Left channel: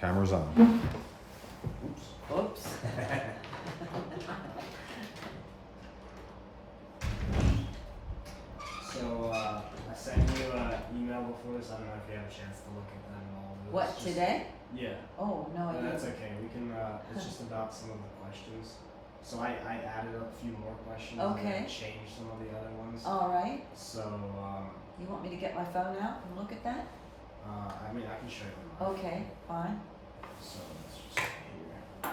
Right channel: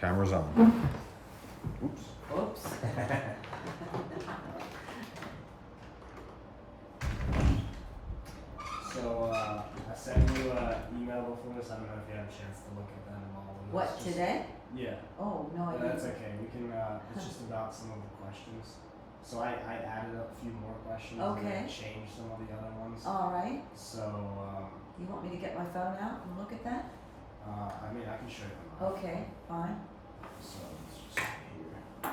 Camera's on. Oops. Oops. So, I sent you an email before this. I don't know if you have a chance to look at that at all. But What, it's just- today? Yeah. Oh, no, I No, that's didn't. okay. We can, it's just about some of the questions. So I added a few more questions. Okay. And I changed some of the other ones. All right. So, You want me to get my phone out and look at that? I mean, I can show you. Mine. Okay, fine. So let's just see here.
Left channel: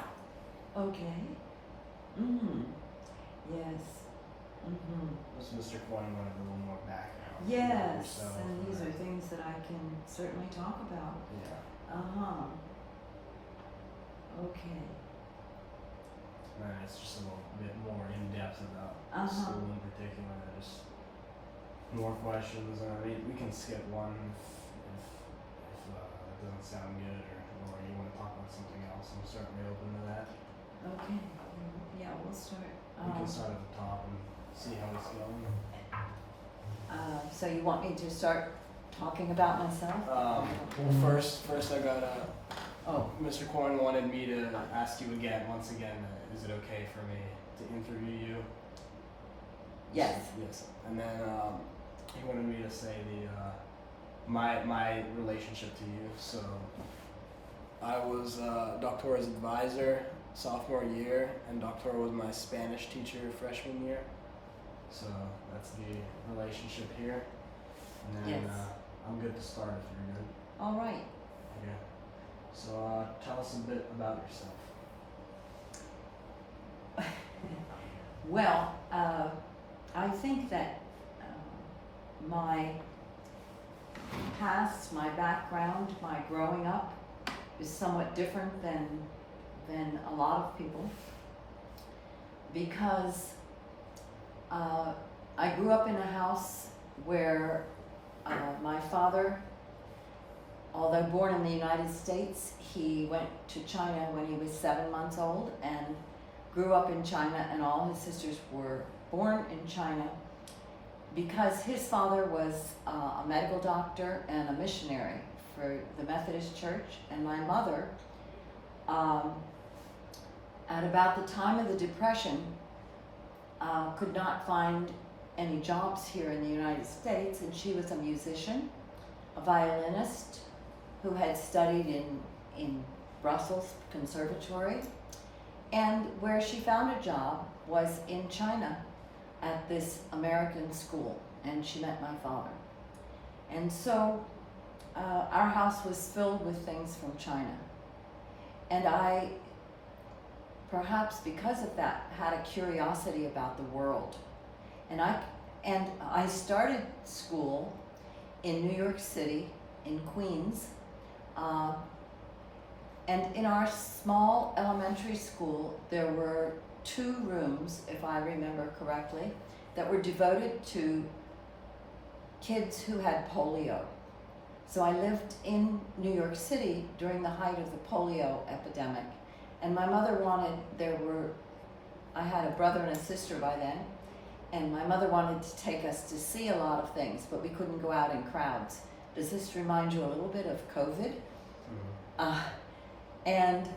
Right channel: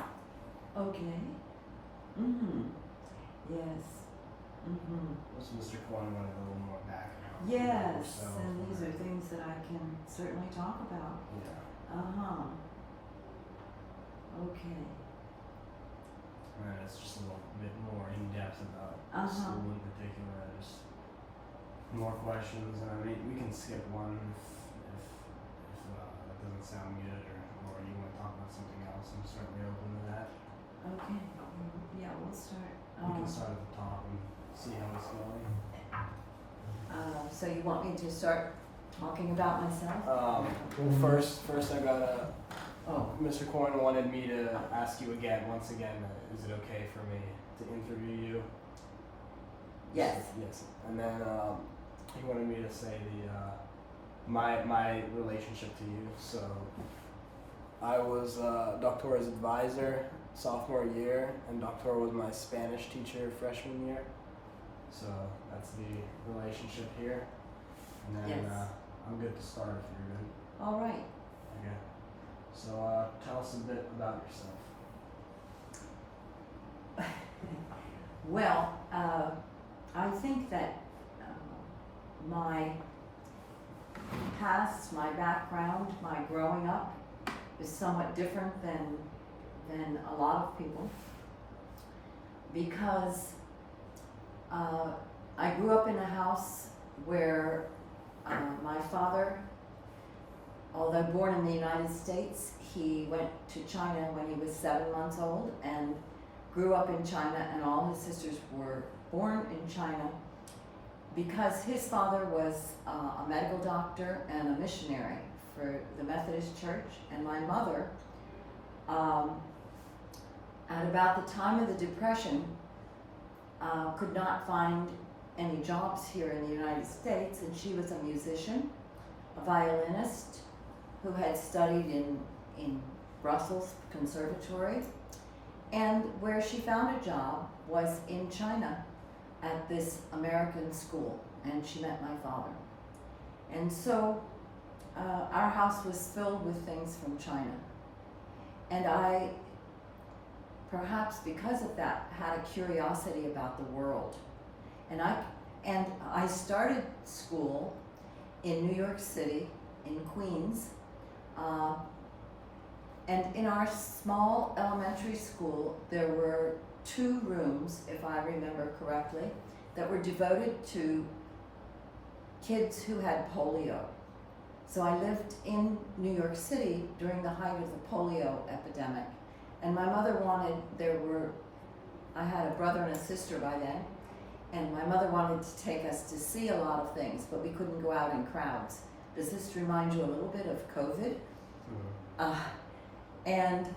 Okay. Mm-hmm. Yes. Mm-hmm. This Mr. Coyne wanted a little more background. Yes, yourself and these are things that I can certainly talk about. Yeah. Uh-huh. Okay. And it's just a little bit more in depth about Uh-huh. school in particular. Just more questions, and I mean we can skip one if that doesn't sound good, or you want to talk about something else. I'm certainly open to that. Okay. Yeah, we'll start. We can start at the top and see how it's going. So you want me to start talking about myself? Well, first I gotta. Oh. Mr. Coyne wanted me to ask you once again, is it okay for me to interview you? Yes. Yes. And then he wanted me to say my relationship to you. So I was Doctora's advisor sophomore year, and Doctora was my Spanish teacher freshman year. So that's the relationship here. And then Yes. I'm good to start if you're good. All right. Okay. So tell us a bit about yourself. Well, I think that my past, my background, my growing up is somewhat different than a lot of people, because I grew up in a house where my father, although born in the United States, he went to China when he was 7 months old and grew up in China, and all his sisters were born in China because his father was a medical doctor and a missionary for the Methodist Church. And my mother, at about the time of the Depression, could not find any jobs here in the United States, and she was a musician, a violinist, who had studied in Brussels Conservatory, and where she found a job was in China at this American school, and she met my father. And so our house was filled with things from China. And I, perhaps because of that, had a curiosity about the world. And I started school in New York City, in Queens, and in our small elementary school, there were 2 rooms, if I remember correctly, that were devoted to kids who had polio. So I lived in New York City during the height of the polio epidemic, and my mother wanted, I had a brother and a sister by then, and my mother wanted to take us to see a lot of things, but we couldn't go out in crowds. Does this remind you a little bit of COVID? Mm-hmm. And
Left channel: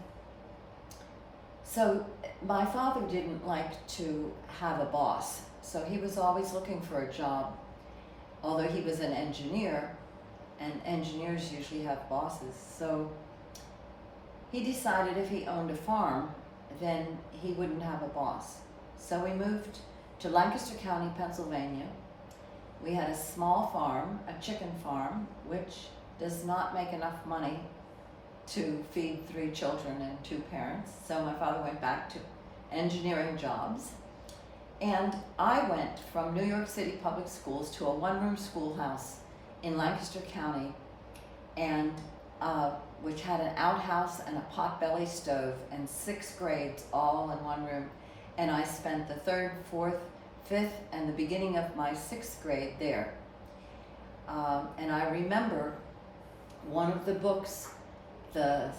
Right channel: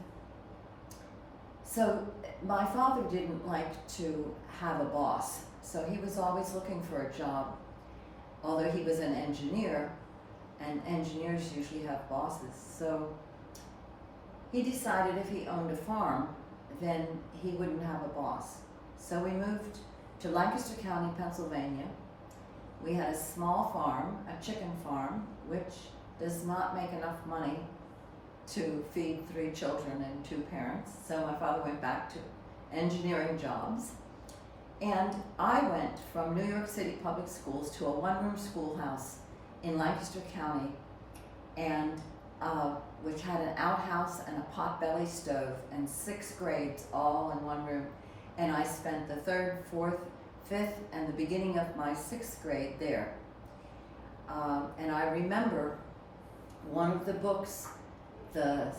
so my father didn't like to have a boss, so he was always looking for a job, although he was an engineer, and engineers usually have bosses. So he decided if he owned a farm, then he wouldn't have a boss. So we moved to Lancaster County, Pennsylvania. We had a small farm, a chicken farm, which does not make enough money to feed 3 children and 2 parents. So my father went back to engineering jobs. And I went from New York City public schools to a 1-room schoolhouse in Lancaster County, and which had an outhouse and a potbelly stove and 6 grades all in 1 room. And I spent the 3rd, 4th, 5th, and the beginning of my 6th grade there. And I remember one of the books, the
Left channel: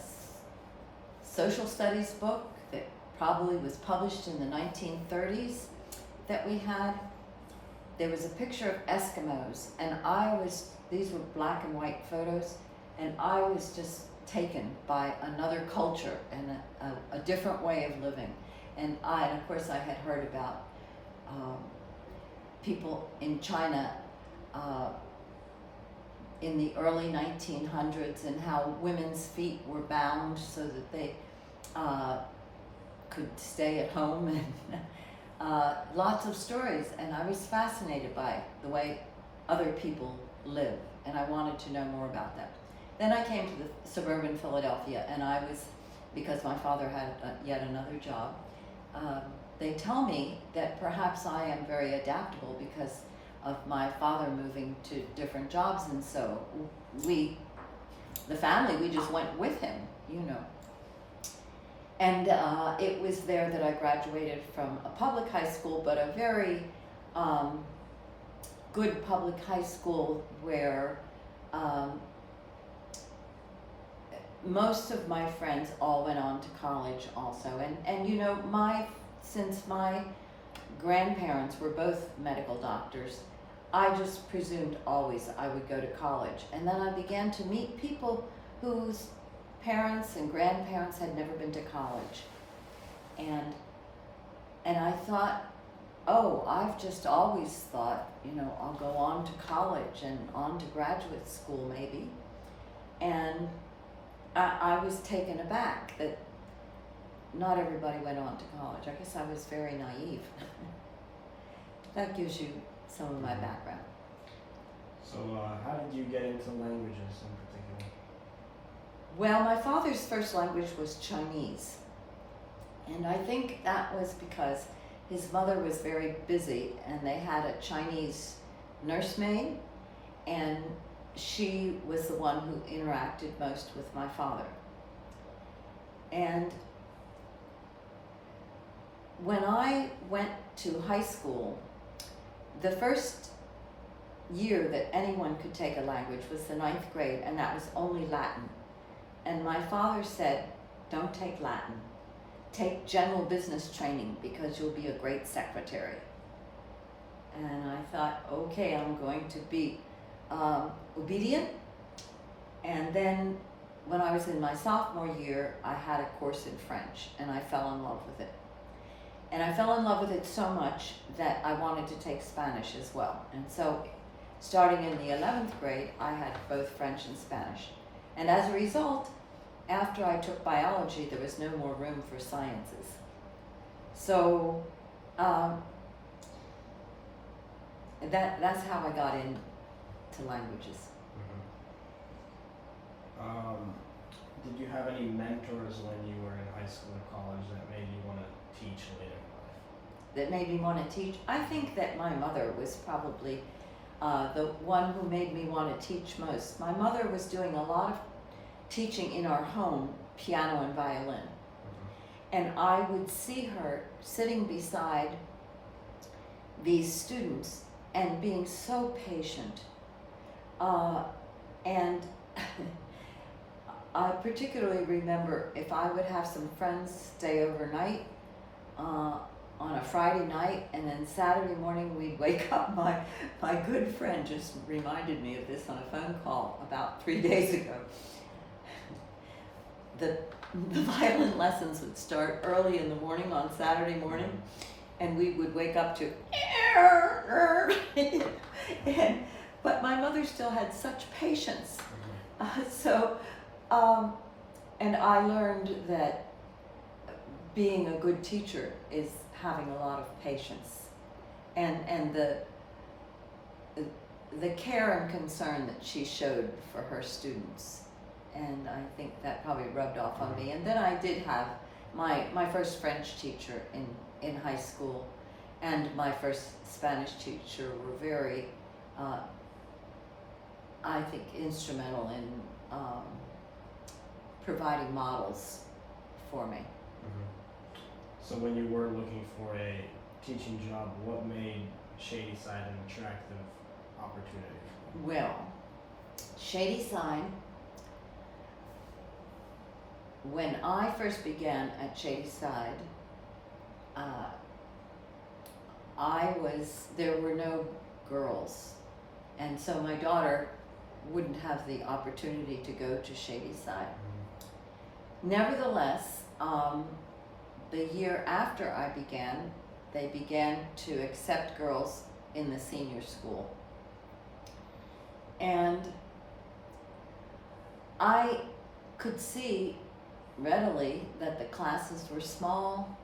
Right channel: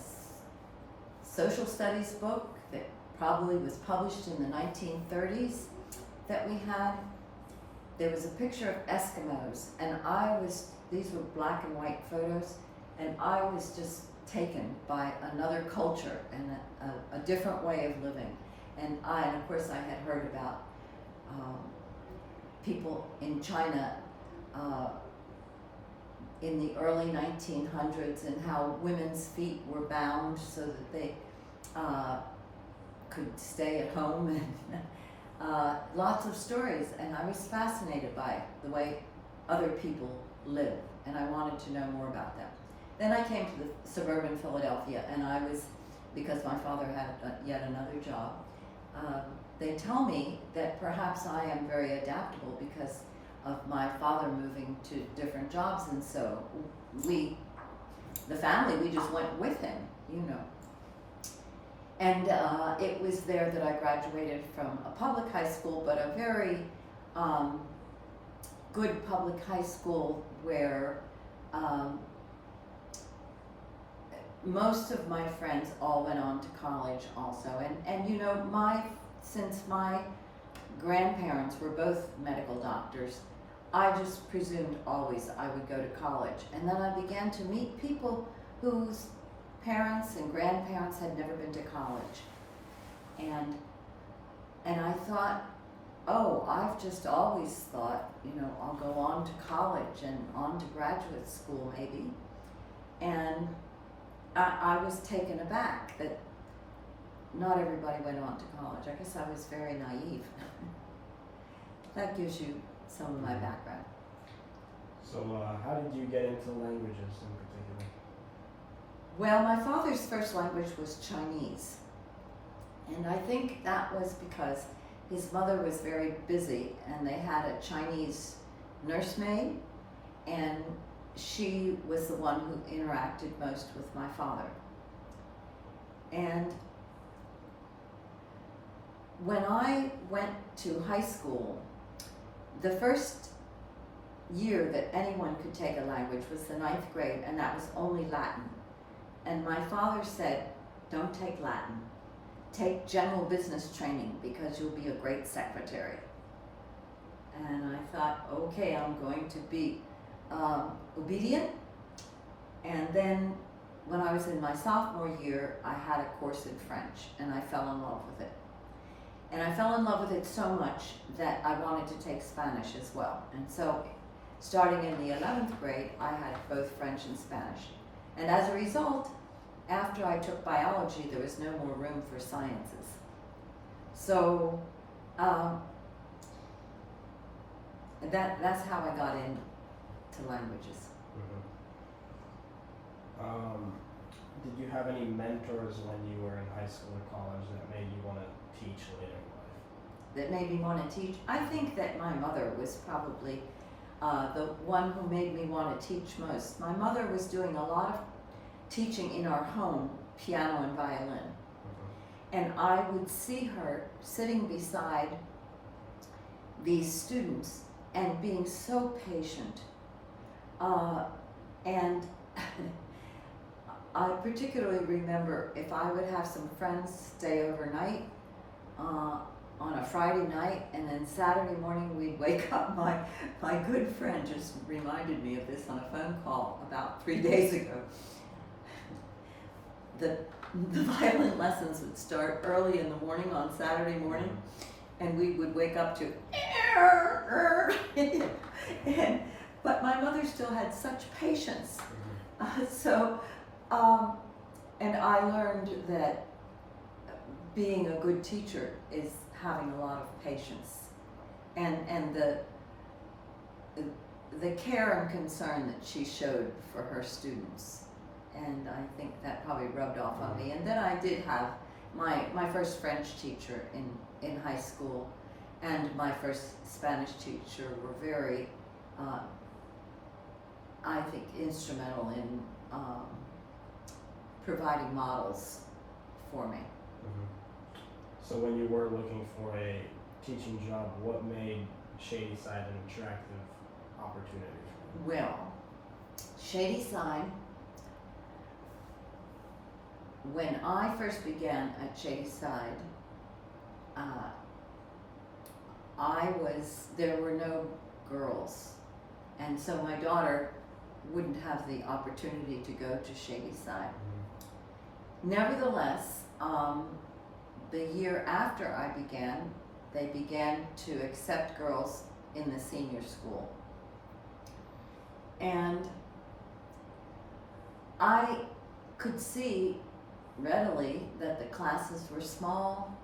social studies book that probably was published in the 1930s that we had, there was a picture of Eskimos, and these were black and white photos, and I was just taken by another culture and a different way of living. And of course I had heard about people in China in the early 1900s and how women's feet were bound so that they could stay at home, and lots of stories. And I was fascinated by the way other people live, and I wanted to know more about that. Then I came to the suburban Philadelphia, and I was, because my father had yet another job, they tell me that perhaps I am very adaptable because of my father moving to different jobs, and so the family, we just went with him, you know. And it was there that I graduated from a public high school, but a very good public high school where most of my friends all went on to college also. And you know, since my grandparents were both medical doctors, I just presumed always I would go to college. And then I began to meet people whose parents and grandparents had never been to college. And I thought, oh, I've just always thought, you know, I'll go on to college and on to graduate school maybe. And I was taken aback that not everybody went on to college. I guess I was very naive. That gives you some of my background. So how did you get into languages in particular? Well, my father's first language was Chinese. And I think that was because his mother was very busy and they had a Chinese nursemaid, and she was the one who interacted most with my father. And when I went to high school, the first year that anyone could take a language was the 9th grade, and that was only Latin. And my father said, don't take Latin. Take general business training because you'll be a great secretary. And I thought, okay, I'm going to be obedient. And then when I was in my sophomore year, I had a course in French, and I fell in love with it. And I fell in love with it so much that I wanted to take Spanish as well. And so starting in the 11th grade, I had both French and Spanish. And as a result, after I took biology, there was no more room for sciences. So that's how I got into languages. Mm-hmm. Did you have any mentors when you were in high school or college that made you want to teach later in life? That made me want to teach? I think that my mother was probably the one who made me want to teach most. My mother was doing a lot of teaching in our home, piano and violin. Mm-hmm. And I would see her sitting beside these students and being so patient. And I particularly remember if I would have some friends stay overnight on a Friday night, and then Saturday morning we'd wake up. My good friend just reminded me of this on a phone call about 3 days ago. The violin lessons would start early in the morning on Saturday morning, and we would wake up to but my mother still had such patience. And I learned that being a good teacher is having a lot of patience, and the care and concern that she showed for her students. And I think that probably rubbed off on me. And then I did have my first French teacher in high school, and my first Spanish teacher were very, I think, instrumental in providing models for me. Mm-hmm. So when you were looking for a teaching job, what made Shadyside an attractive opportunity? Well, Shadyside, when I first began at Shadyside, there were no girls, and so my daughter wouldn't have the opportunity to go to Shadyside. Nevertheless, the year after I began, they began to accept girls in the senior school. And I could see readily that the classes were small,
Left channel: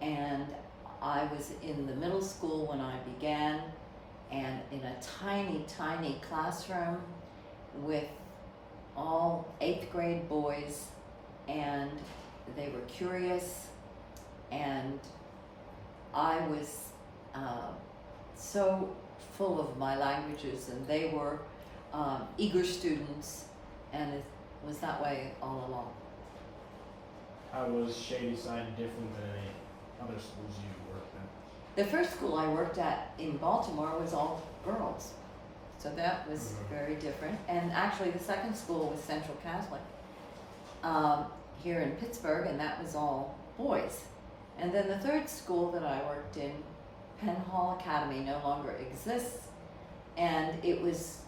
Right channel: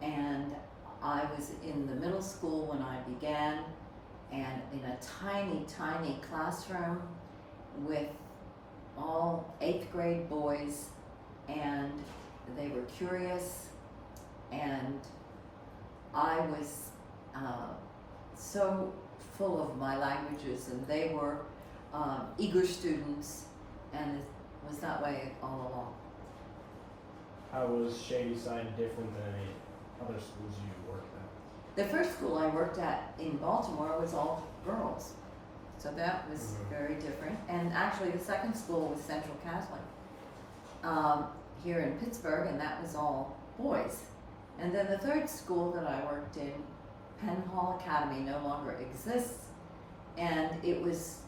and I was in the middle school when I began, and in a tiny, tiny classroom with all 8th grade boys, and they were curious, and I was so full of my languages, and they were eager students, and it was that way all along. How was Shadyside different than any other schools you worked at? The first school I worked at in Baltimore was all girls, so that was very different. And actually the second school was Central Catholic here in Pittsburgh, and that was all boys. And then the third school that I worked in, Penn Hall Academy, no longer exists, and it was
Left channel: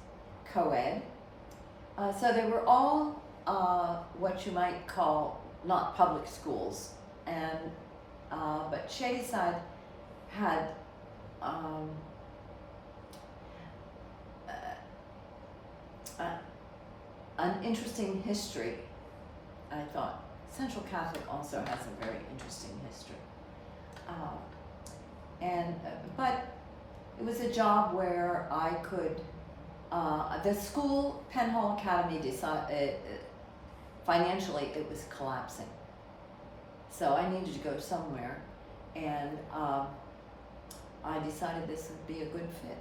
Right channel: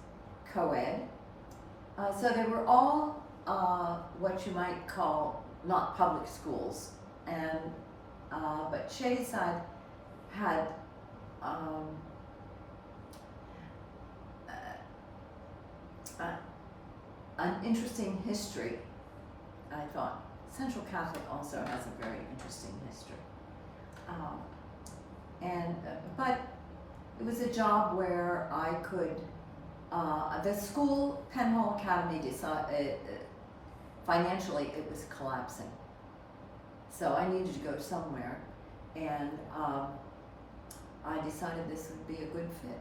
co-ed. So they were all what you might call not public schools, and but Shadyside had an interesting history. I thought Central Catholic also has a very interesting history, but it was a job where I could. The school, Penn Hall Academy, decided financially it was collapsing, so I needed to go somewhere, and I decided this would be a good fit.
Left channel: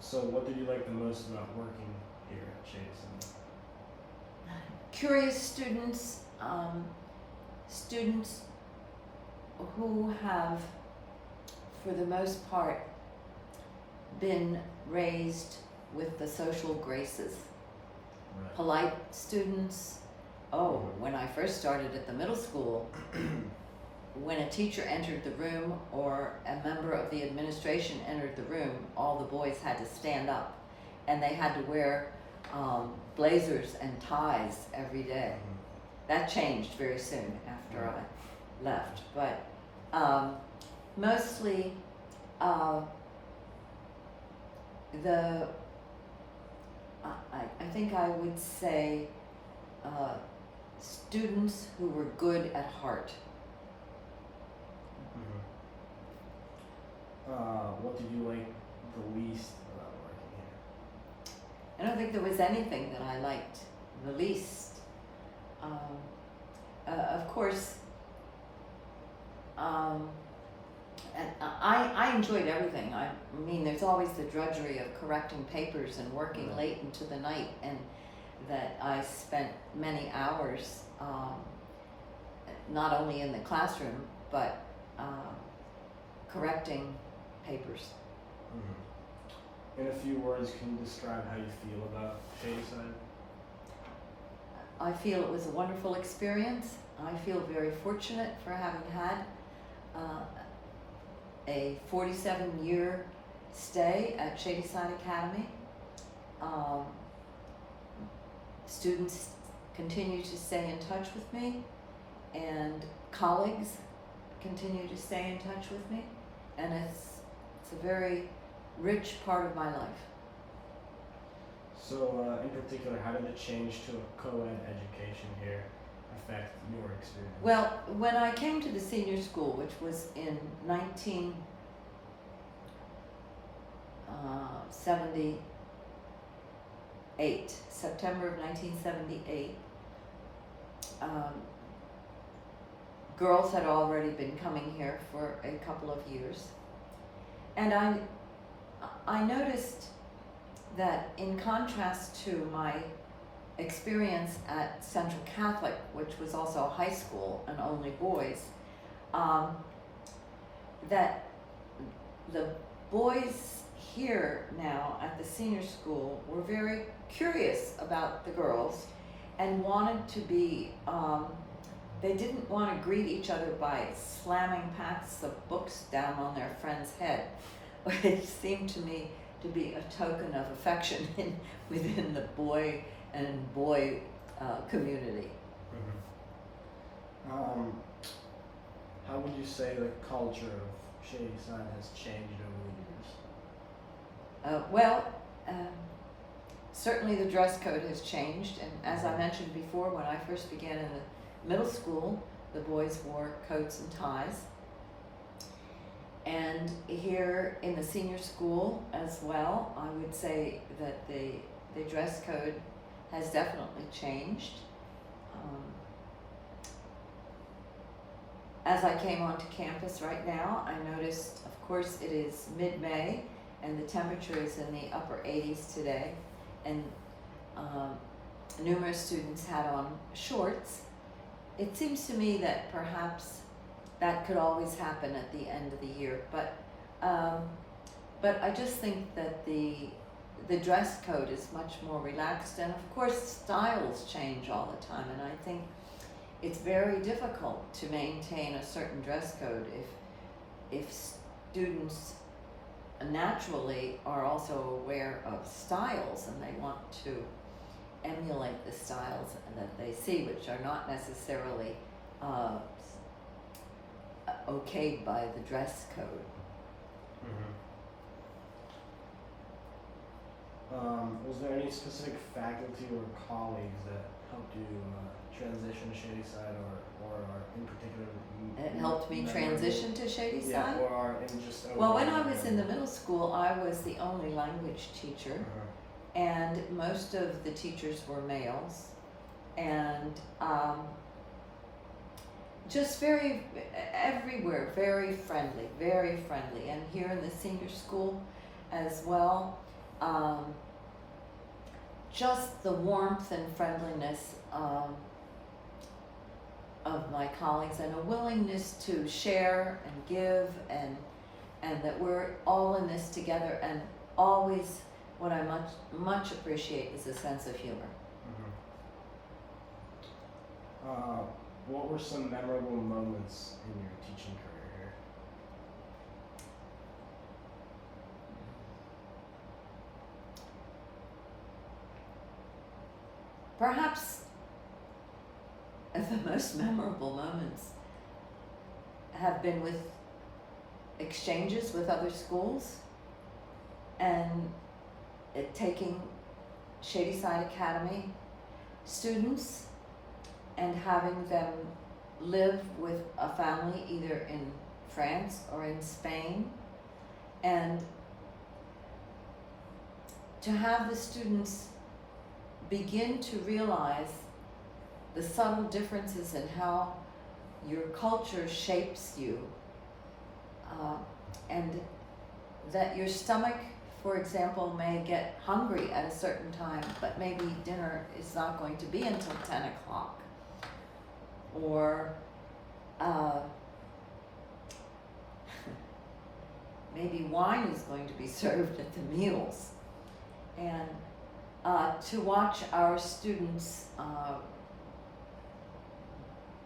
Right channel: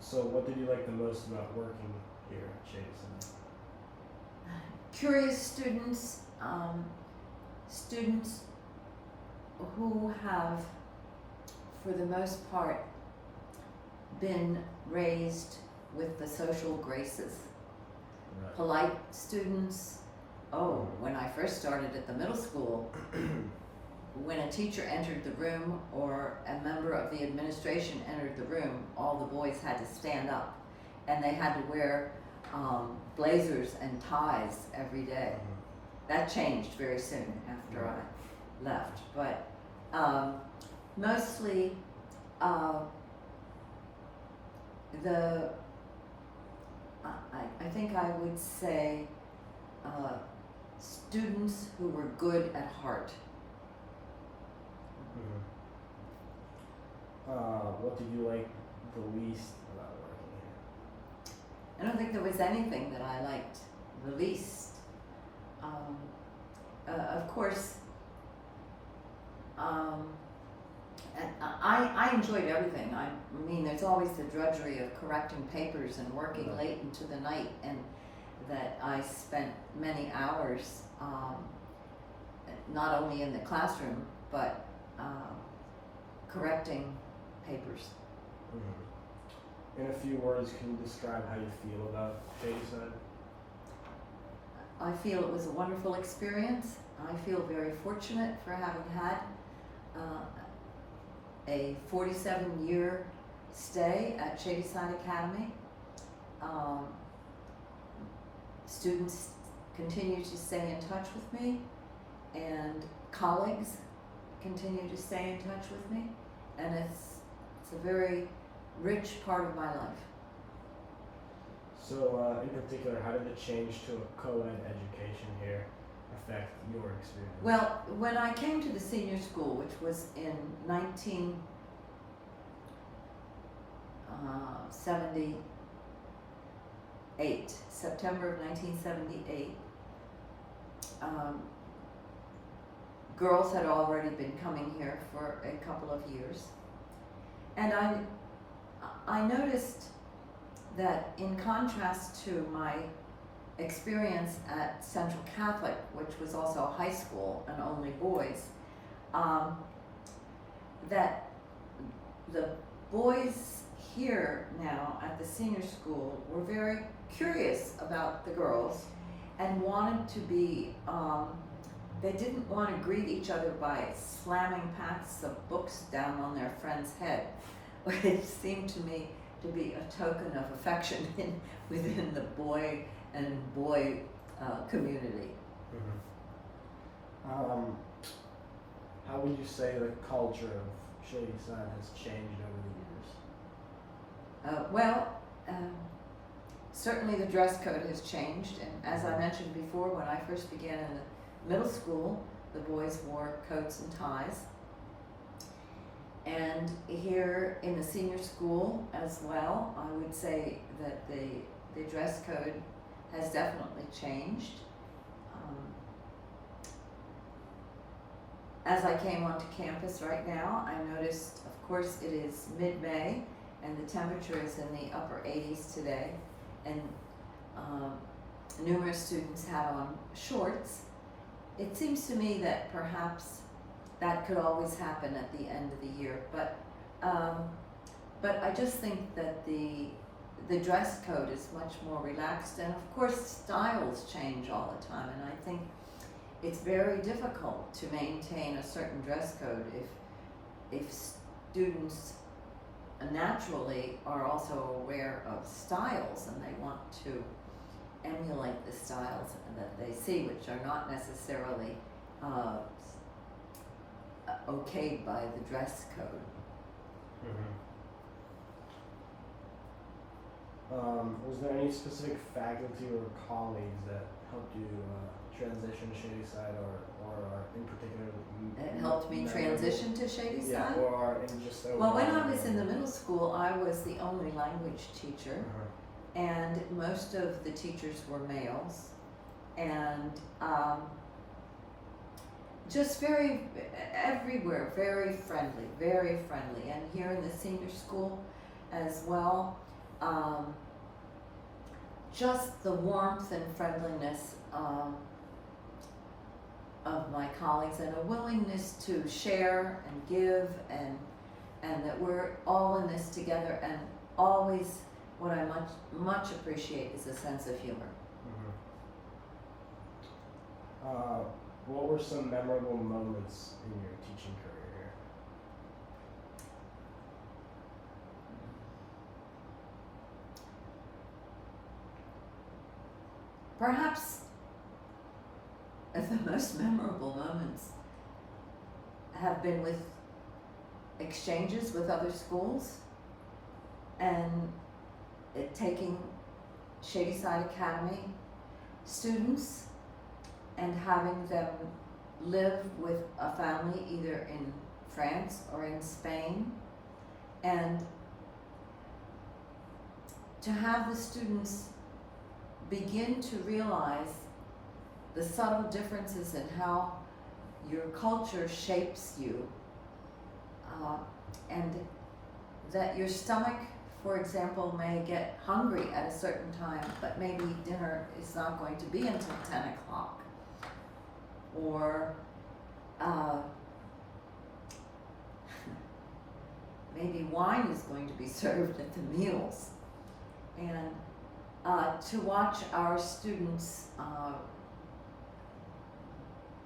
So what did you like the most about working here at Shadyside? Curious students, students who have, for the most part, been raised with the social graces. Right. Polite students. Oh, when I first started at the middle school, when a teacher entered the room or a member of the administration entered the room, all the boys had to stand up, and they had to wear blazers and ties every day. That changed very soon after I left, but mostly I think I would say students who were good at heart. What did you like the least about working here? I don't think there was anything that I liked the least. Of course, and I enjoyed everything. I mean, there's always the drudgery of correcting papers and working late into the night, and that I spent many hours, not only in the classroom, but correcting papers. In a few words, can you describe how you feel about Shadyside? I feel it was a wonderful experience. I feel very fortunate for having had a 47-year stay at Shadyside Academy. Students continue to stay in touch with me, and colleagues continue to stay in touch with me, and it's a very rich part of my life. So, in particular, how did the change to a co-ed education here affect your experience? Well, when I came to the senior school, which was in 1978, September of 1978, girls had already been coming here for a couple of years, and I noticed that in contrast to my experience at Central Catholic, which was also a high school and only boys, that the boys here now at the senior school were very curious about the girls and wanted to be, they didn't want to greet each other by slamming packs of books down on their friend's head, which seemed to me to be a token of affection within the boy and boy community. How would you say the culture of Shadyside has changed over the years? Well, certainly the dress code has changed, and as I mentioned before, when I first began in the middle school, the boys wore coats and ties. And here in the senior school as well, I would say that the dress code has definitely changed. As I came onto campus right now, I noticed, of course, it is mid-May and the temperature is in the upper 80s today, and numerous students had on shorts. It seems to me that perhaps that could always happen at the end of the year, but I just think that the dress code is much more relaxed, and of course styles change all the time, and I think it's very difficult to maintain a certain dress code if students naturally are also aware of styles and they want to emulate the styles that they see, which are not necessarily okayed by the dress code. Was there any specific faculty or colleagues that helped you transition to Shadyside, or are in particular? It helped me transition to Shadyside? Yeah, or are in just overall. Well, when I was in the middle school, I was the only language teacher, and most of the teachers were males, and just everywhere, very friendly, and here in the senior school as well. Just the warmth and friendliness of my colleagues, and a willingness to share and give, and that we're all in this together, and always what I much appreciate is a sense of humor. What were some memorable moments in your teaching career here? Perhaps the most memorable moments have been with exchanges with other schools, and taking Shadyside Academy students and having them live with a family either in France or in Spain, and to have the students begin to realize the subtle differences in how your culture shapes you, and that your stomach, for example, may get hungry at a certain time, but maybe dinner is not going to be until 10 o'clock. Or maybe wine is going to be served at the meals. And to watch our students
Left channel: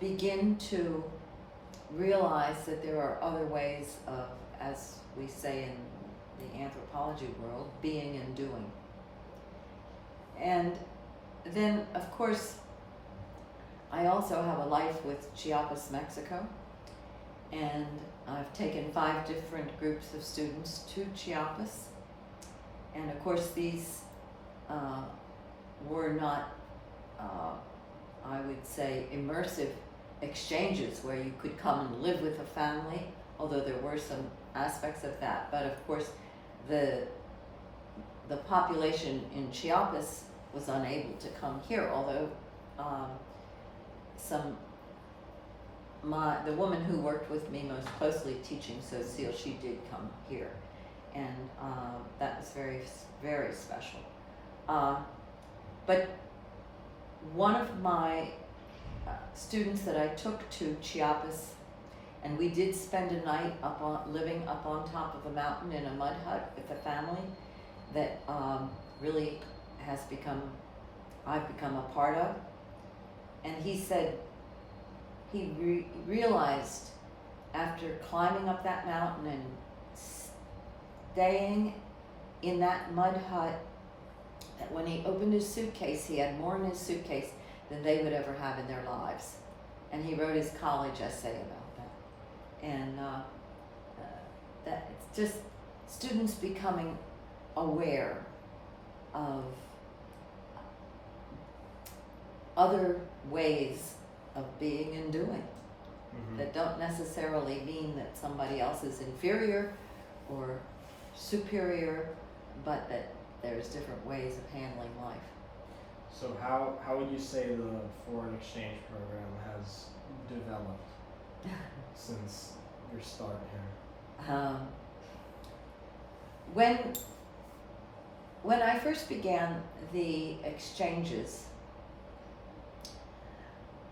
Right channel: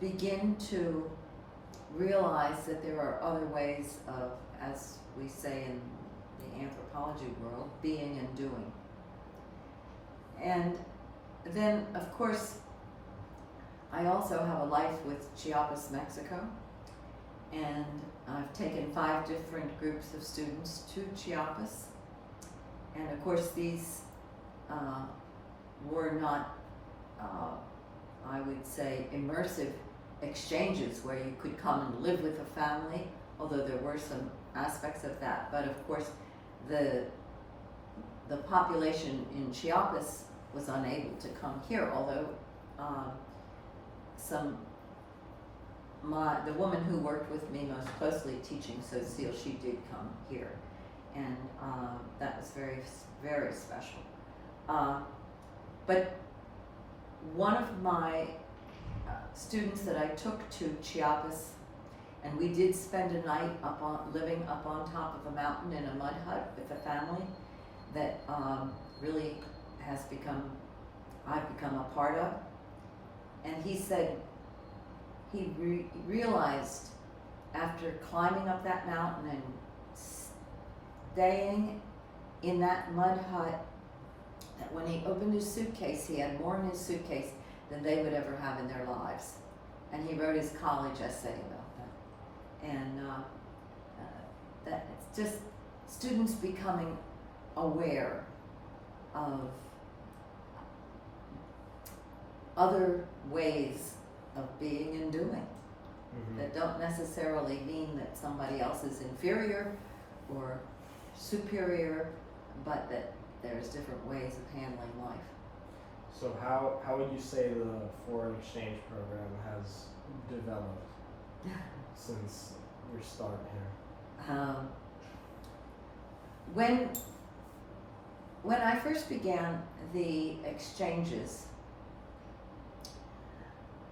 begin to realize that there are other ways of, as we say in the anthropology world, being and doing. And then, of course, I also have a life with Chiapas, Mexico, and I've taken 5 different groups of students to Chiapas, and of course these were not, I would say, immersive exchanges where you could come and live with a family, although there were some aspects of that. But of course, the population in Chiapas was unable to come here, although the woman who worked with me most closely teaching Sociale, she did come here, and that was very, very special. But one of my students that I took to Chiapas, and we did spend a night living up on top of a mountain in a mud hut with a family that really I've become a part of. And he said he realized after climbing up that mountain and staying in that mud hut that when he opened his suitcase, he had more in his suitcase than they would ever have in their lives. And he wrote his college essay about that. And that it's just students becoming aware of other ways of being and doing that don't necessarily mean that somebody else is inferior or superior, but that there's different ways of handling life. So how would you say the foreign exchange program has developed since your start here? When I first began the exchanges,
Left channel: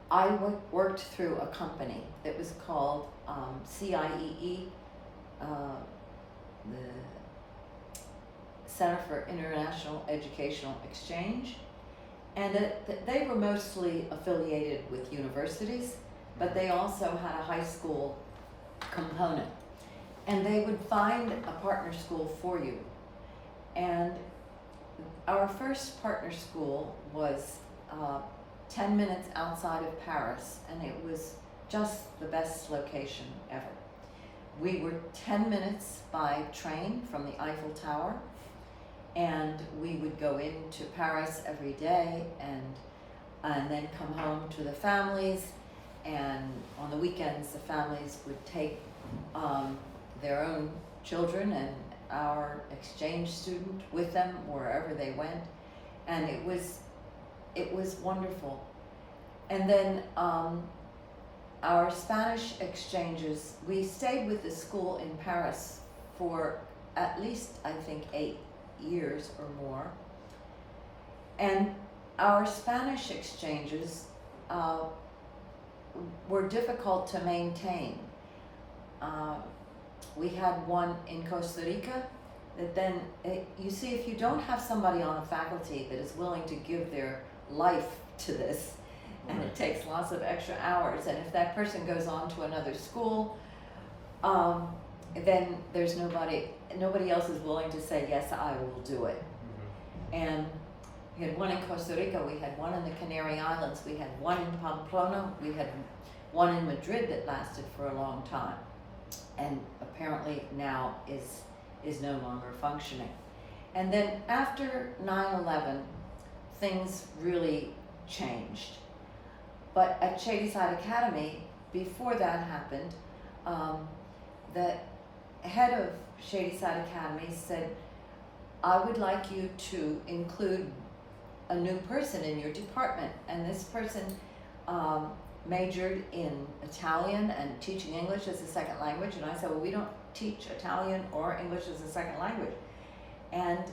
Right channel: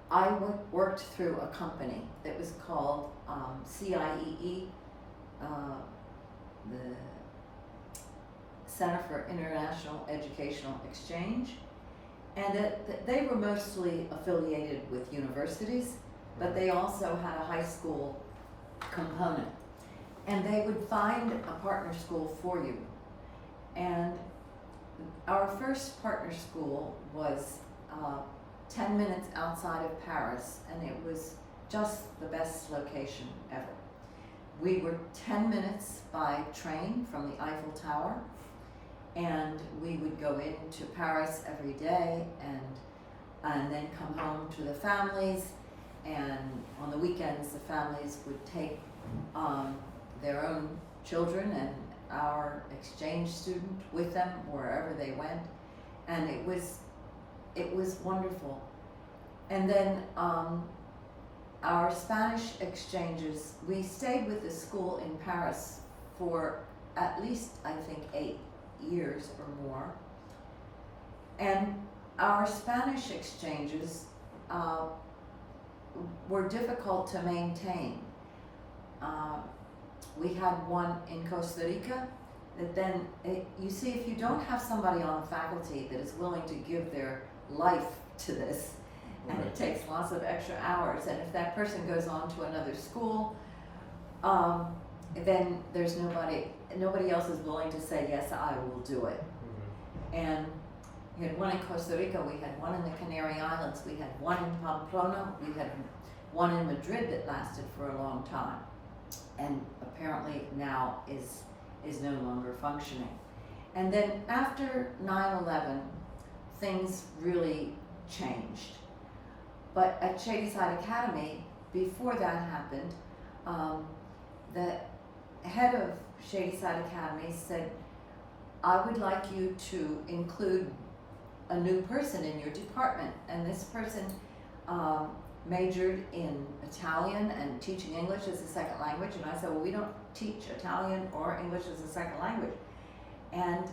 I worked through a company that was called CIEE, the Center for International Educational Exchange, and they were mostly affiliated with universities, but they also had a high school component, and they would find a partner school for you. And our first partner school was 10 minutes outside of Paris, and it was just the best location ever. We were 10 minutes by train from the Eiffel Tower, and we would go into Paris every day and then come home to the families, and on the weekends the families would take their own children and our exchange student with them wherever they went, and it was wonderful. And then our Spanish exchanges, we stayed with the school in Paris for at least, I think, 8 years or more. And our Spanish exchanges were difficult to maintain. We had one in Costa Rica that then, you see, if you don't have somebody on the faculty that is willing to give their life to this, and it takes lots of extra hours, and if that person goes on to another school, then there's nobody else is willing to say, yes, I will do it. And we had one in Costa Rica, we had one in the Canary Islands, we had one in Pamplona, we had one in Madrid that lasted for a long time, and apparently now is no longer functioning. And then after 9/11, things really changed. But at Shadyside Academy, before that happened, the head of Shadyside Academy said, I would like you to include a new person in your department. And this person majored in Italian and teaching English as a second language. And I said, well, we don't teach Italian or English as a second language. And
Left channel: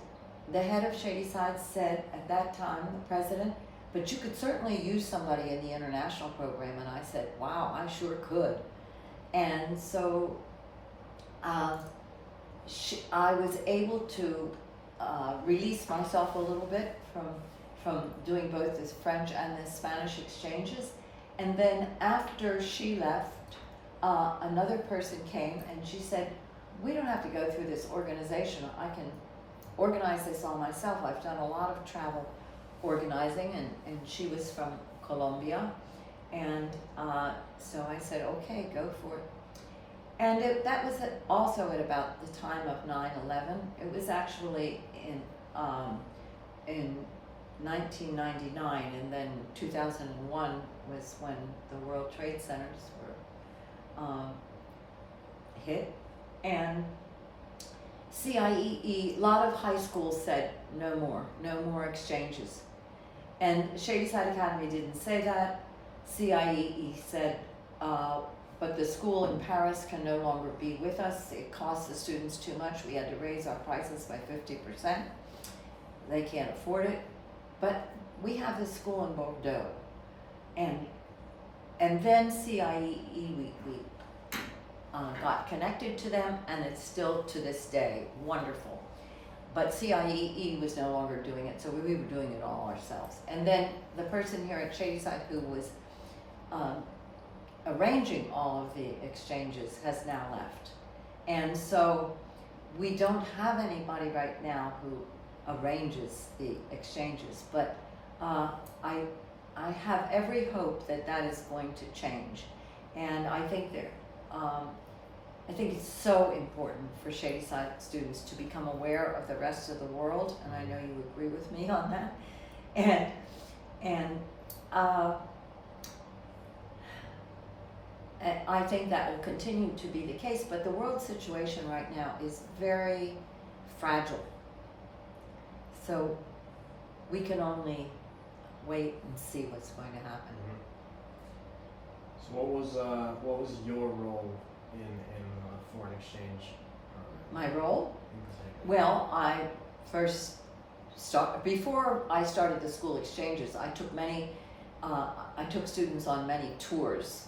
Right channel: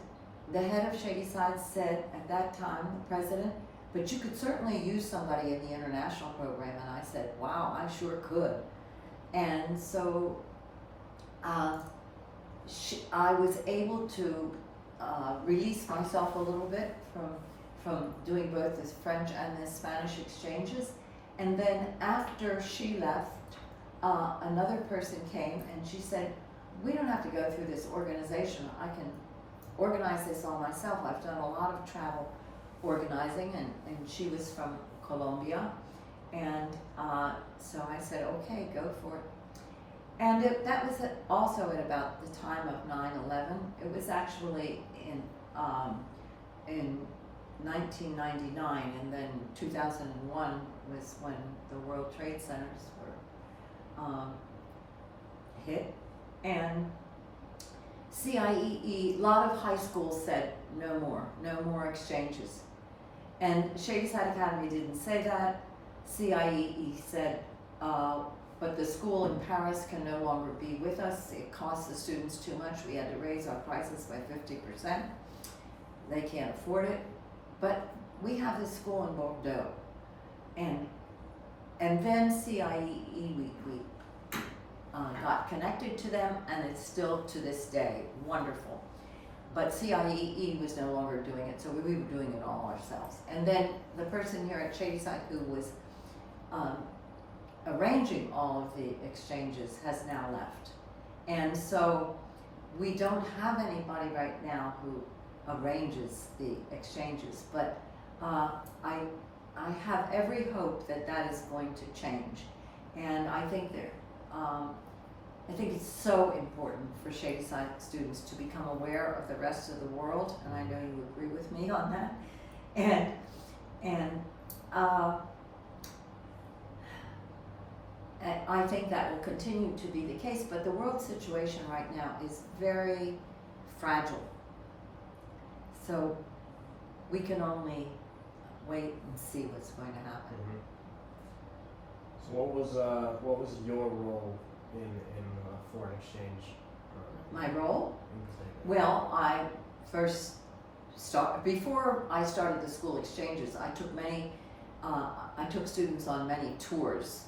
the head of Shadyside said at that time, the president, but you could certainly use somebody in the international program. And I said, wow, I sure could. And so I was able to release myself a little bit from doing both the French and the Spanish exchanges. And then after she left, another person came and she said, we don't have to go through this organization. I can organize this all myself. I've done a lot of travel organizing, and she was from Colombia. And so I said, okay, go for it. And that was also at about the time of 9/11. It was actually in 1999, and then 2001 was when the World Trade Centers were hit. And CIEE, a lot of high schools said no more exchanges. And Shadyside Academy didn't say that. CIEE said, but the school in Paris can no longer be with us. It costs the students too much. We had to raise our prices by 50%. They can't afford it. But we have this school in Bordeaux. And then CIEE, we got connected to them, and it's still to this day wonderful. But CIEE was no longer doing it, so we were doing it all ourselves. And then the person here at Shadyside who was arranging all of the exchanges has now left. And so we don't have anybody right now arranges the exchanges. But I have every hope that that is going to change, and I think that I think it's so important for Shadyside students to become aware of the rest of the world, and I know you agree with me on that. And I think that will continue to be the case, but the world situation right now is very fragile. So we can only wait and see what's going to happen. So what was your role in foreign exchange program? My role? Exactly. Well, I first before I started the school exchanges, I took students on many tours.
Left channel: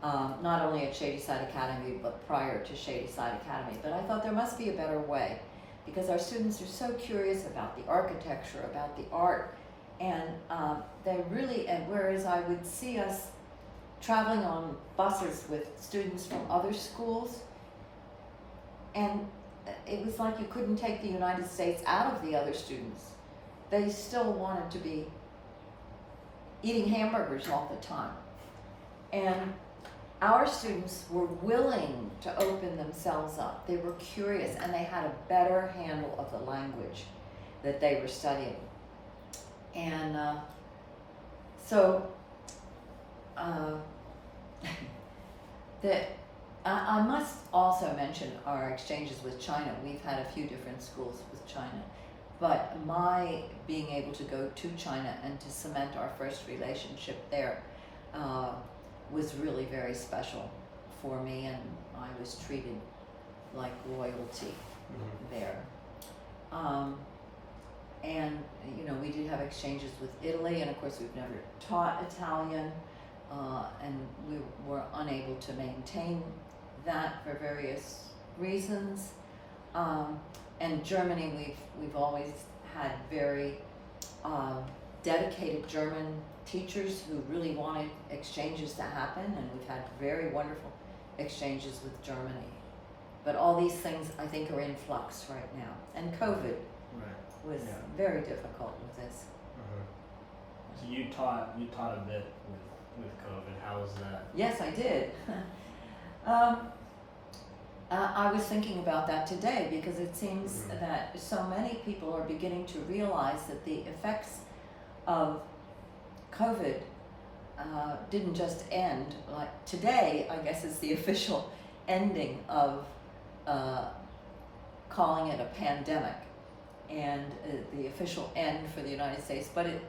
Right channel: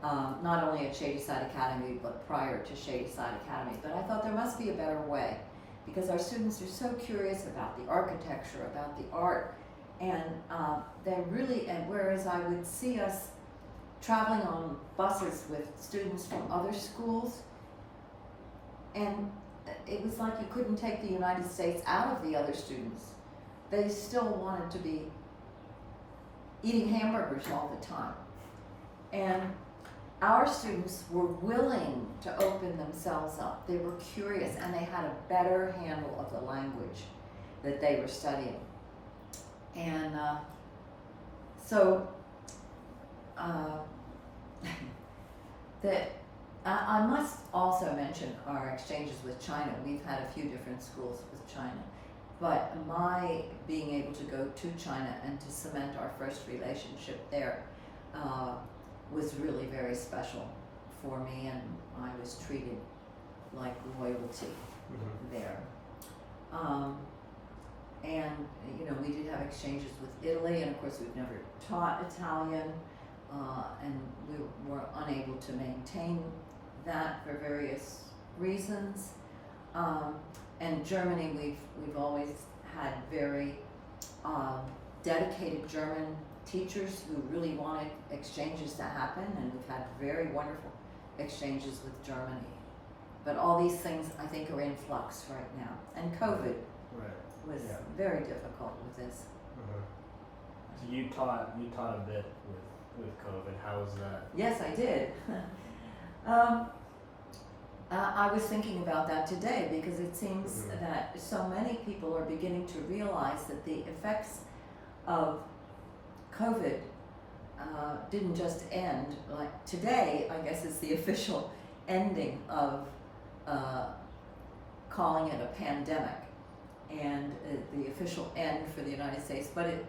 Not only at Shadyside Academy, but prior to Shadyside Academy. But I thought there must be a better way, because our students are so curious about the architecture, about the art, and whereas I would see us traveling on buses with students from other schools, and it was like you couldn't take the United States out of the other students. They still wanted to be eating hamburgers all the time. And our students were willing to open themselves up. They were curious, and they had a better handle of the language that they were studying. And I must also mention our exchanges with China. We've had a few different schools with China, but my being able to go to China and to cement our first relationship there was really very special for me, and I was treated like royalty there. And we did have exchanges with Italy, and of course we've never taught Italian, and we were unable to maintain that for various reasons. And Germany, we've always had very dedicated German teachers who really wanted exchanges to happen, and we've had very wonderful exchanges with Germany. But all these things, I think, are in flux right now. And COVID was very difficult with this. So you taught a bit with COVID. How was that? Yes, I did. I was thinking about that today, because it seems that so many people are beginning to realize that the effects of COVID didn't just end. Like today, I guess, is the official ending of calling it a pandemic, and the official end for the United States, but it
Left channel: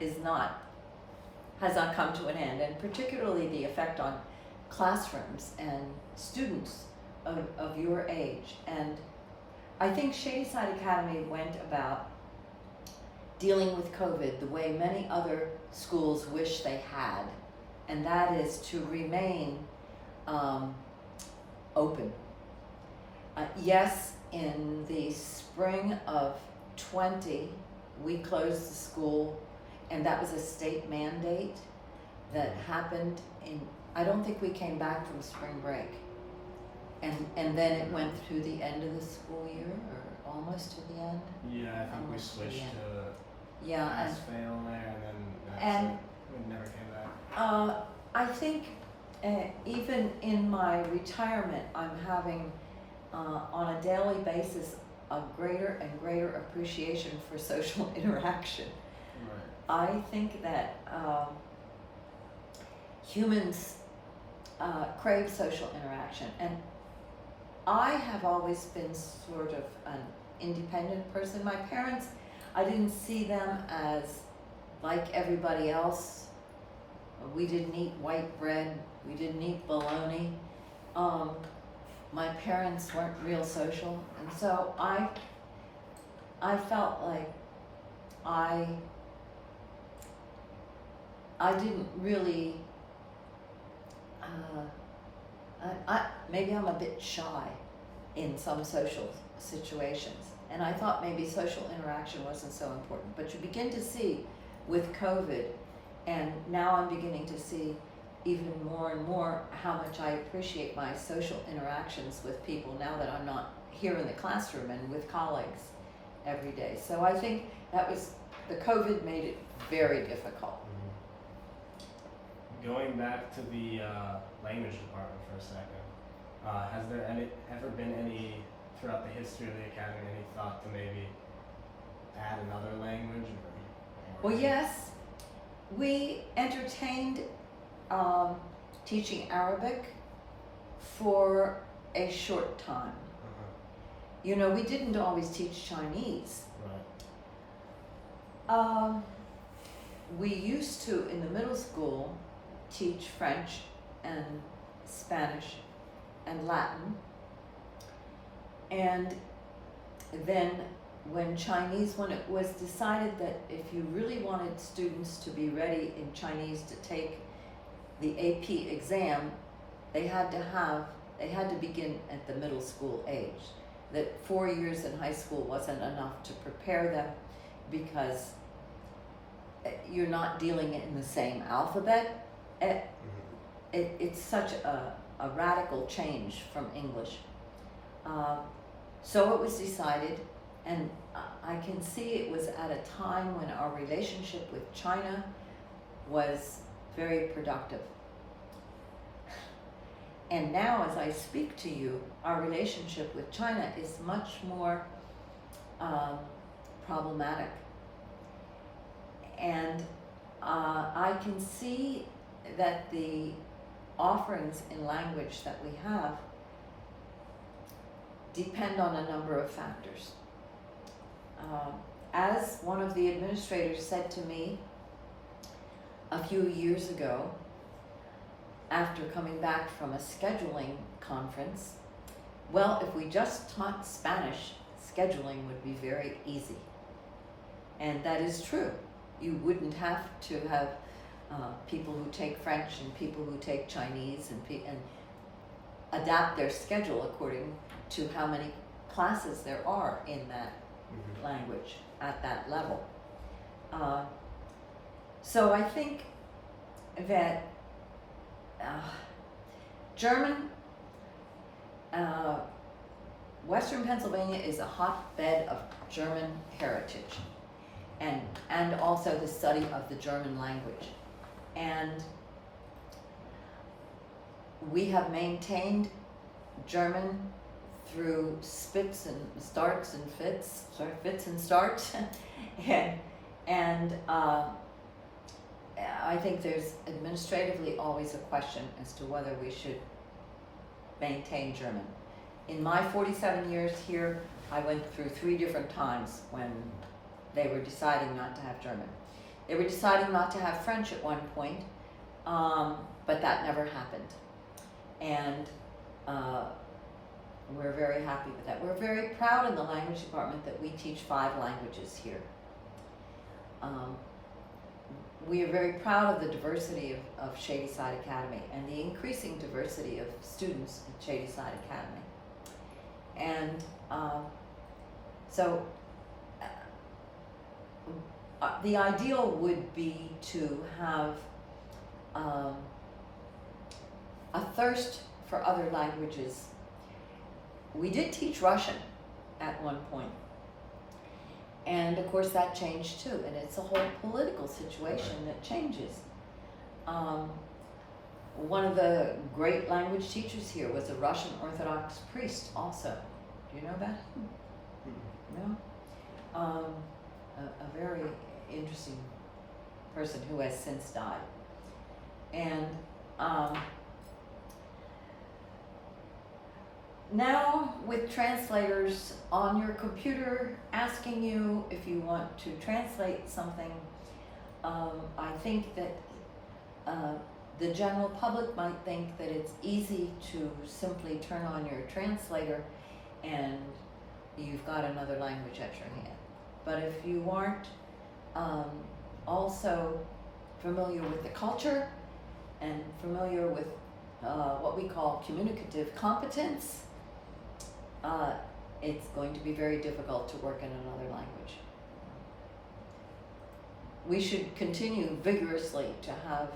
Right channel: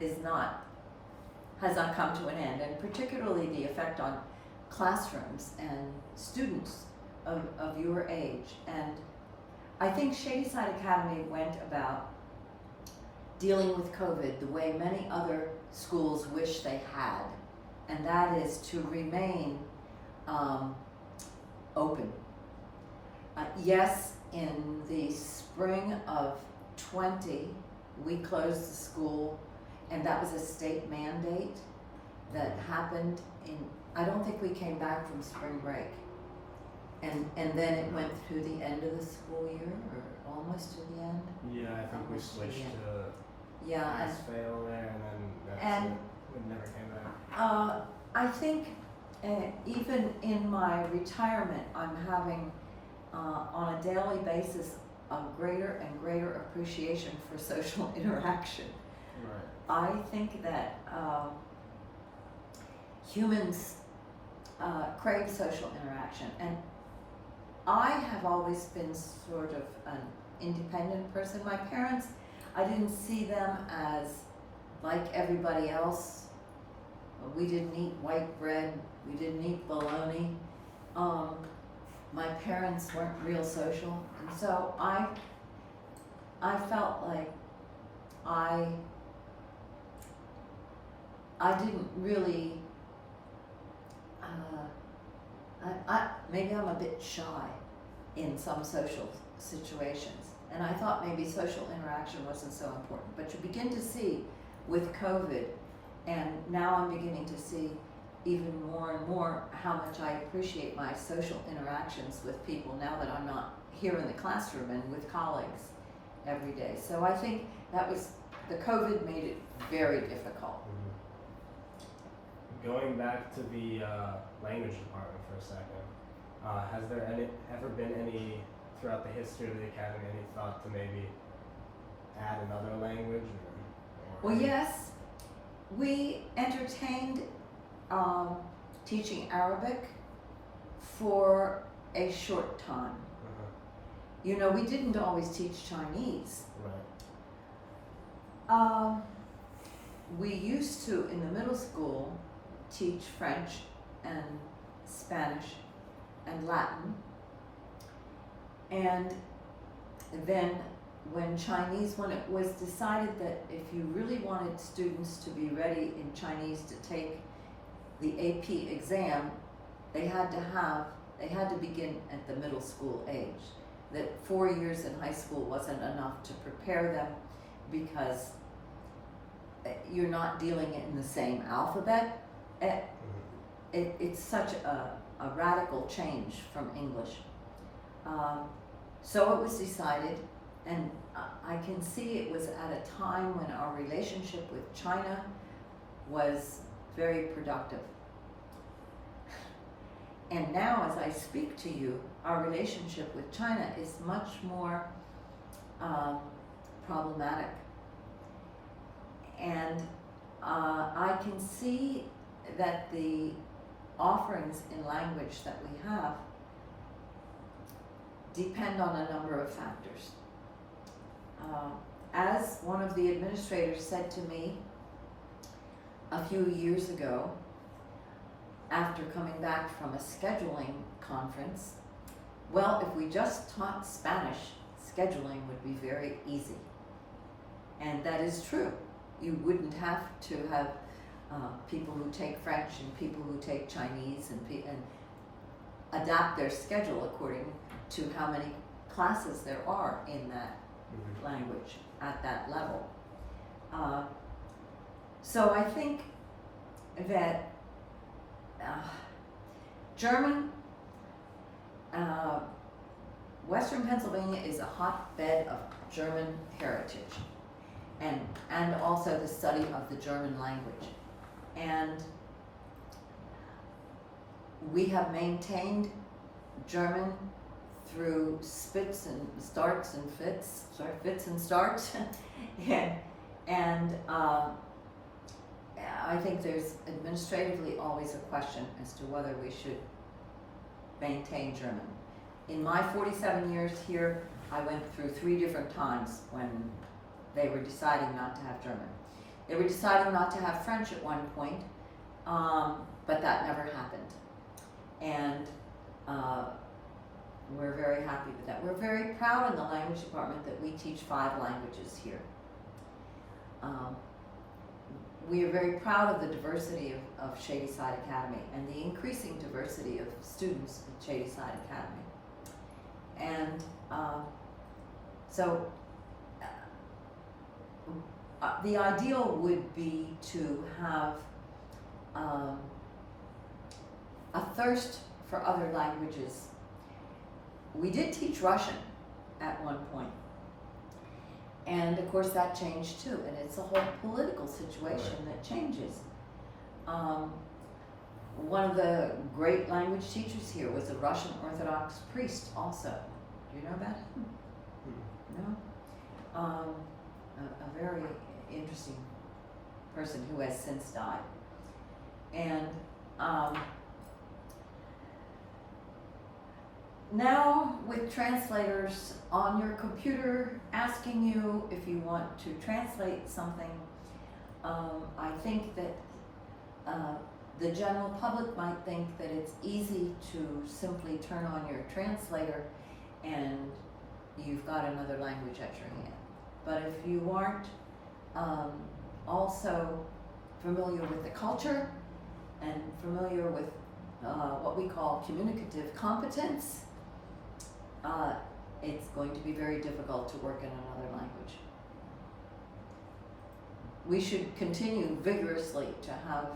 has not come to an end, and particularly the effect on classrooms and students of your age. And I think Shadyside Academy went about dealing with COVID the way many other schools wish they had, and that is to remain open. Yes, in the spring of 20, we closed the school, and that was a state mandate that happened I don't think we came back from spring break. And then it went through the end of the school year, or almost to the end. Yeah, I think we switched to pass-fail there, and then that's it. We never came back. I think even in my retirement, I'm having, on a daily basis, a greater and greater appreciation for social interaction. Right. I think that humans crave social interaction, and I have always been sort of an independent person. My parents, I didn't see them as like everybody else. We didn't eat white bread, we didn't eat bologna. My parents weren't real social, and so I felt like I didn't really, maybe I'm a bit shy in some social situations, and I thought maybe social interaction wasn't so important. But you begin to see with COVID, and now I'm beginning to see even more and more how much I appreciate my social interactions with people now that I'm not here in the classroom and with colleagues. every day. So I think that was, the COVID made it very difficult. Going back to the language department for a second, has there ever been any, throughout the history of the academy, any thought to maybe add another language? Or Well, yes, we entertained teaching Arabic for a short time. You know, we didn't always teach Chinese. Right. We used to, in the middle school, teach French and Spanish and Latin. And then when it was decided that if you really wanted students to be ready in Chinese to take the AP exam, they had to begin at the middle school age. That 4 years in high school wasn't enough to prepare them, because you're not dealing in the same alphabet. It's such a radical change from English. So it was decided, and I can see it was at a time when our relationship with China was very productive. And now, as I speak to you, our relationship with China is much more problematic. And I can see that the offerings in language that we have depend on a number of factors. As one of the administrators said to me a few years ago, after coming back from a scheduling conference, well, if we just taught Spanish, scheduling would be very easy. And that is true. You wouldn't have to have people who take French and people who take Chinese and adapt their schedule according to how many classes there are in that language at that level. So I think that German, Western Pennsylvania is a hotbed of German heritage, and also the study of the German language. And we have maintained German through fits and starts, and I think there's administratively always a question as to whether we should maintain German. In my 47 years here, I went through 3 different times when they were deciding not to have German. They were deciding not to have French at one point, but that never happened. And we're very happy with that. We're very proud in the language department that we teach 5 languages here. We are very proud of the diversity of Shadyside Academy and the increasing diversity of students at Shadyside Academy. And so the ideal would be to have a thirst for other languages. We did teach Russian at one point. And of course that changed too, and it's a whole political situation that changes. One of the great language teachers here was a Russian Orthodox priest also. Do you know about him? No? A very interesting person who has since died. And now with translators on your computer asking you if you want to translate something, I think that the general public might think that it's easy to simply turn on your translator and you've got another language at your hand. But if you aren't also familiar with the culture and familiar with what we call communicative competence, it's going to be very difficult to work in another language. We should continue vigorously to have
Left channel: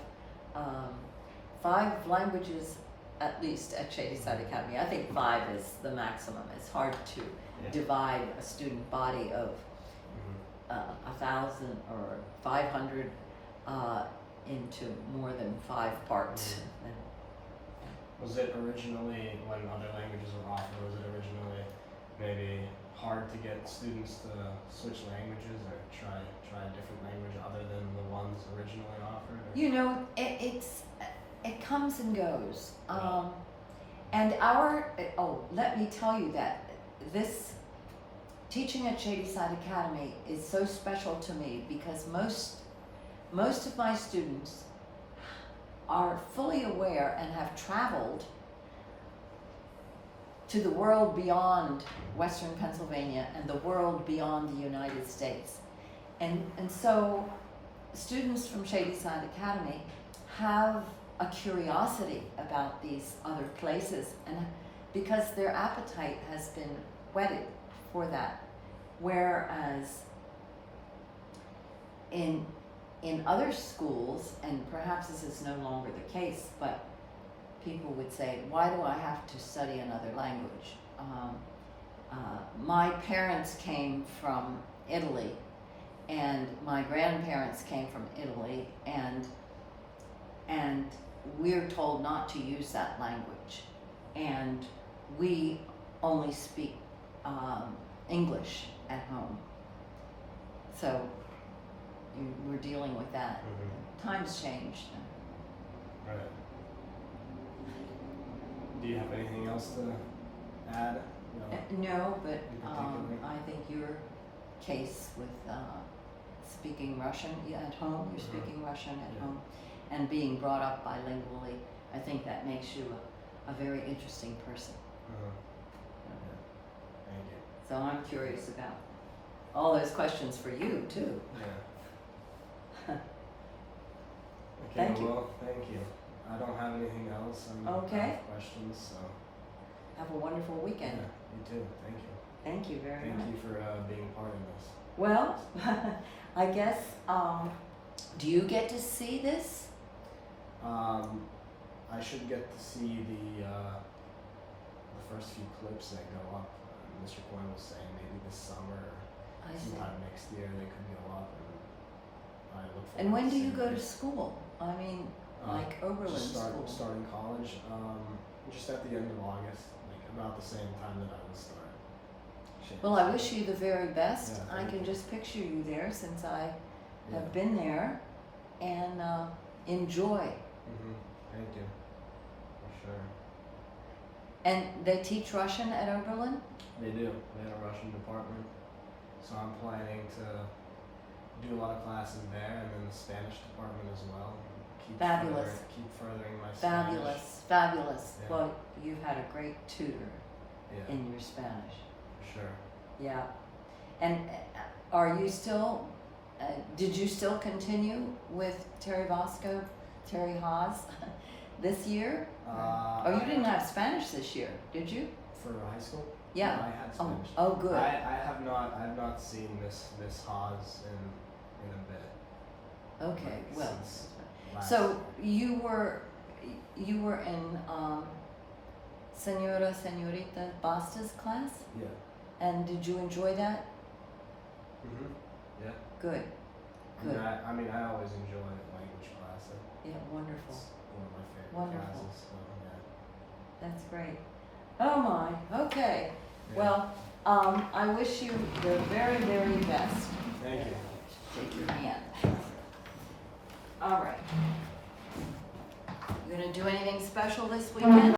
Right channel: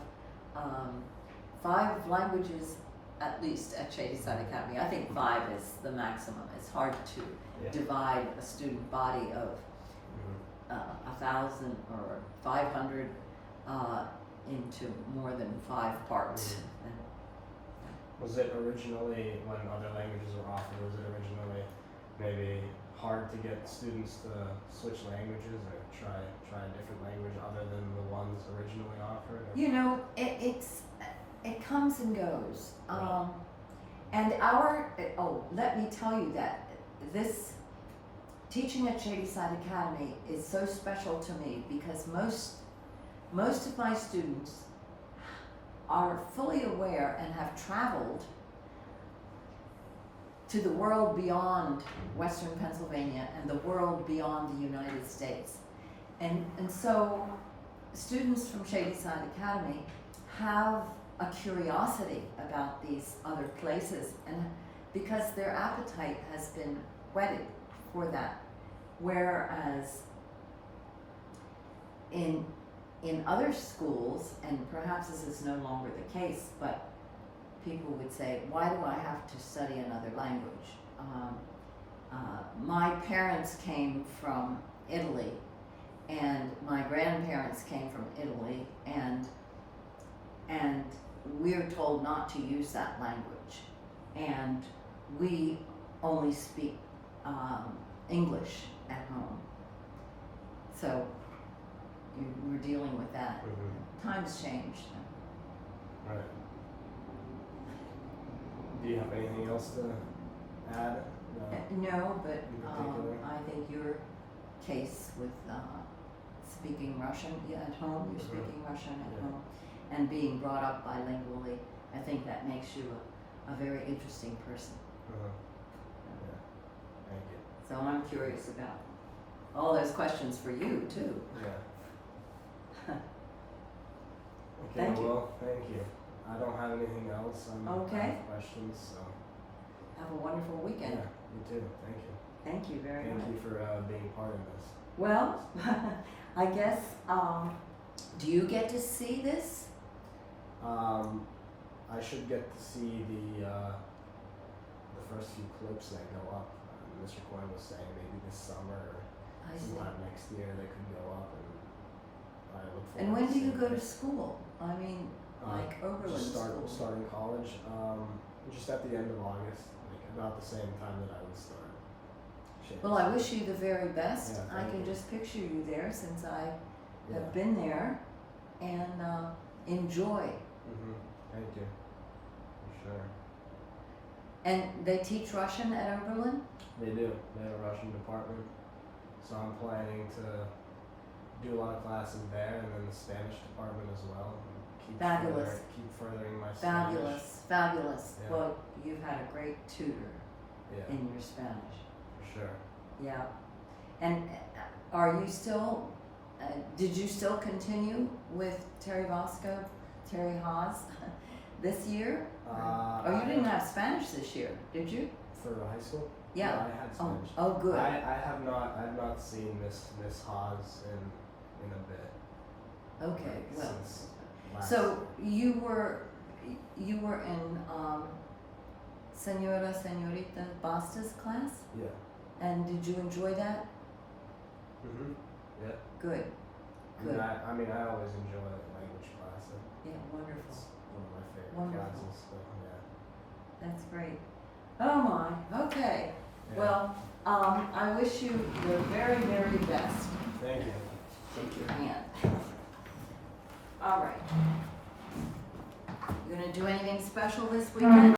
5 languages at least at Shadyside Academy. I think 5 is the maximum. It's hard to divide a student body of 1,000 or 500 into more than 5 parts. Was it originally, when other languages were offered, was it originally maybe hard to get students to switch languages or try a different language other than the ones originally offered? Or? You know, it comes and goes. Right. And let me tell you that this teaching at Shadyside Academy is so special to me because most of my students are fully aware and have traveled to the world beyond Western Pennsylvania and the world beyond the United States. And so students from Shadyside Academy have a curiosity about these other places, and because their appetite has been whetted for that. Whereas in other schools, and perhaps this is no longer the case, but people would say, why do I have to study another language? My parents came from Italy, and my grandparents came from Italy, and we're told not to use that language. And we only speak English at home. So we're dealing with that. Times changed. Right. Do you have anything else to add? No, but In particular? I think your case with speaking Russian at home, you're speaking Russian at home, and being brought up bilingually, I think that makes you a very interesting person. Yeah. Thank you. So I'm curious about all those questions for you too. Yeah. Okay, Thank you. well, thank you. I don't have anything else. I Okay. have questions, so. Have a wonderful weekend. Yeah, you too. Thank you. Thank you very much. Thank you for being part of this. Well, I guess, do you get to see this? I should get to see the first few clips that go up. Mr. Coyne was saying maybe this summer or I see. sometime next year they could go up, and I look forward. And when to do you seeing go to it. school? I mean, like Oberlin Just school. starting college, just at the end of August, like about the same time that I would start. Well, I wish you the very best. Yeah, I thank can you. just picture you there since I Yeah. have been there, and enjoy. Thank you. For sure. And they teach Russian at Oberlin? They do. They have a Russian department. So I'm planning to do a lot of classes there, and then the Spanish department as well. Keep Fabulous. Keep furthering my Spanish. Fabulous, fabulous. Yeah. Well, you've had a great tutor Yeah, in your Spanish. for sure. Yeah. And are you still, did you still continue with Terry Haas this year? Oh, you didn't have Spanish this year, did you? For high school? Yeah. I had Spanish. Oh, good. I have not seen Miss Haas in a bit. Okay, like, well. since last So year. you were in Senorita Basta's class, Yeah. and did you enjoy that? Yeah. Good. Good. I mean, I always enjoy language class. Yeah, wonderful. It's one of my favorite Wonderful. classes. So yeah. That's great. Oh my. Okay. Yeah. Well, I wish you the very, very best. Thank you. Shake your hand. All right. You gonna do anything special this weekend?